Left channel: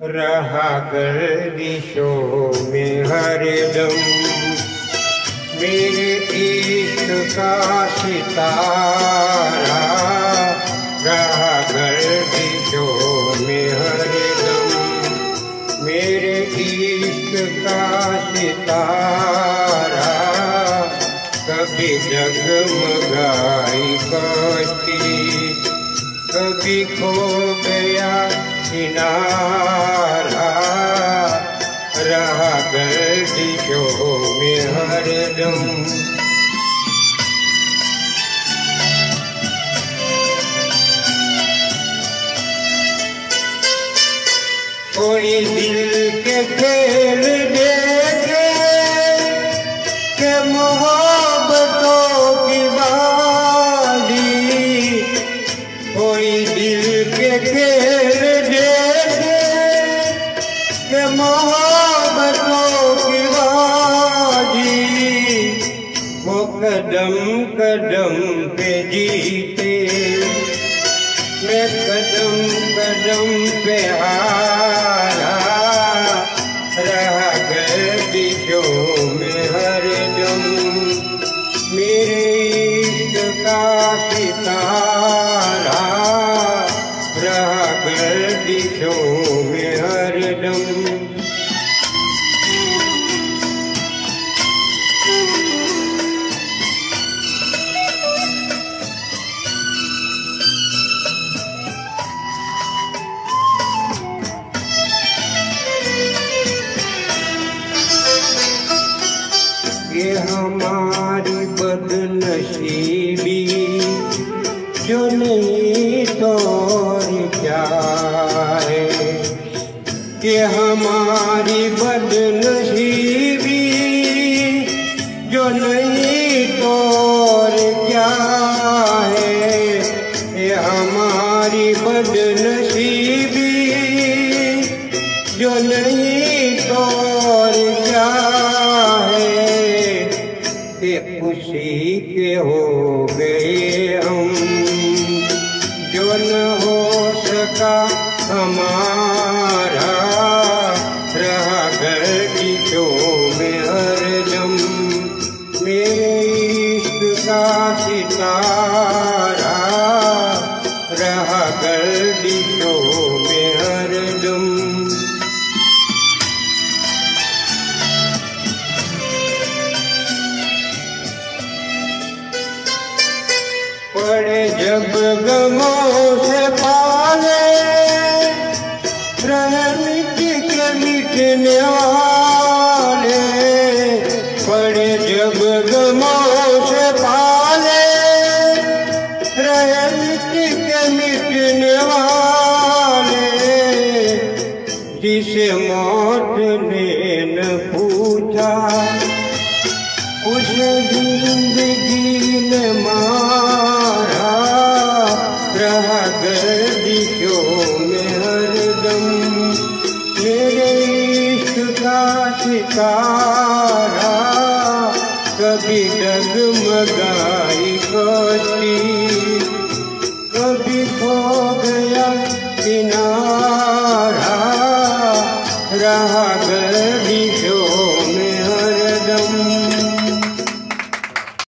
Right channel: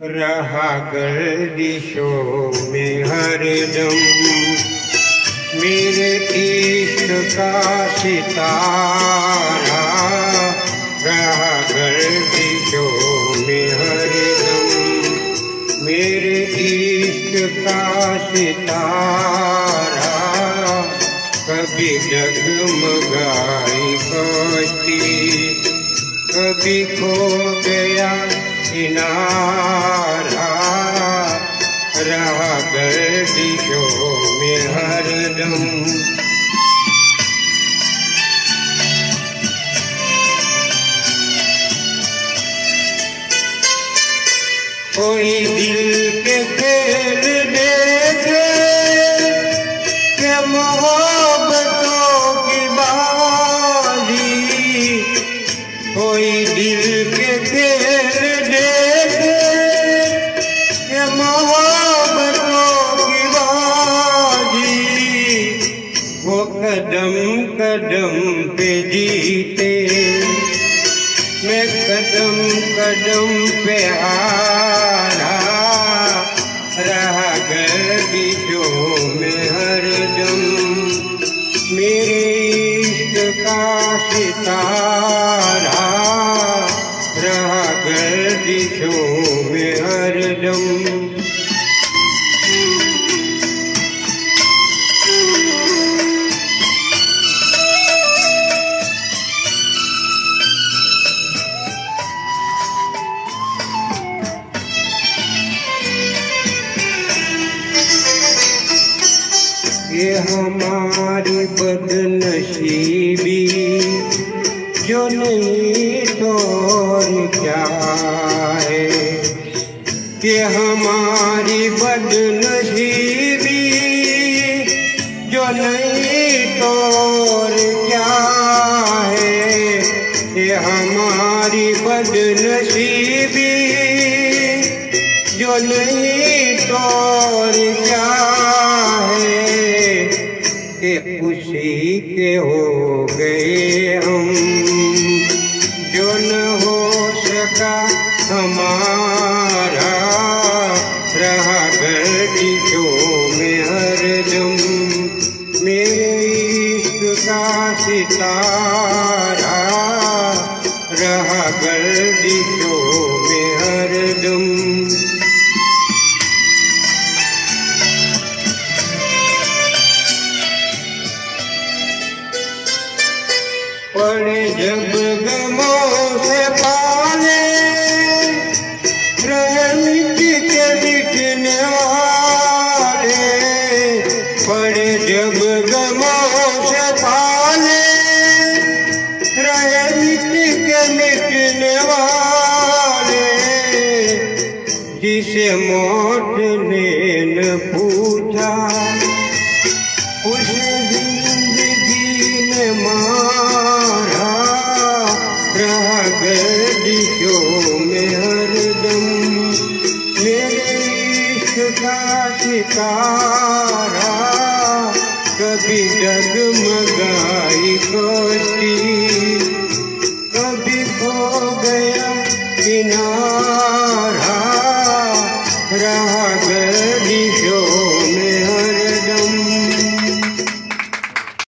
रहा गर्दिशों में हरदम मेरे इश्क का सितारा, रहा गर्दिशों में हरदम मेरे इश्क का सितारा। कभी डगमगाई कश्ती, कभी खो गया किनारा, रहा गर्दिशों में हरदम। कोई दिल के खेल देखे के मोहब्बतों की बाली, कोई दिल के खेल देखे के मोहब्बतों की बाली, वो कदम कदम पे जीते मैं कदम कदम पे हारा, रहा गर्दिशों में हरदम मेरे इश्क का सितारा, रहा गर्दिशों में हरदम। ये हमारी बदनसीबी जो नहीं तो क्या है, ये हमारी बदनसीबी जो नहीं तो क्या है, ये हमारी बदनसीबी जो नहीं तो क्या के उसी के हो गए हम, जो न हो सका हमारा, रहा गर्दिशों में हरदम मेरे इश्क का सितारा, रहा गर्दिशों में हरदम। पड़े जब गमों से पाले रहमत के लिखने वाले, पड़े जब गमों से पाले रहमत के लिखने वाले, जिसे मौत ने न पूछा उस जिंदगी ने मारा, रहा गर्दिशों में हरदम मेरे इश्क का सितारा। कभी डगमगाई कश्ती, कभी खो गया किनारा, रहा गर्दिशों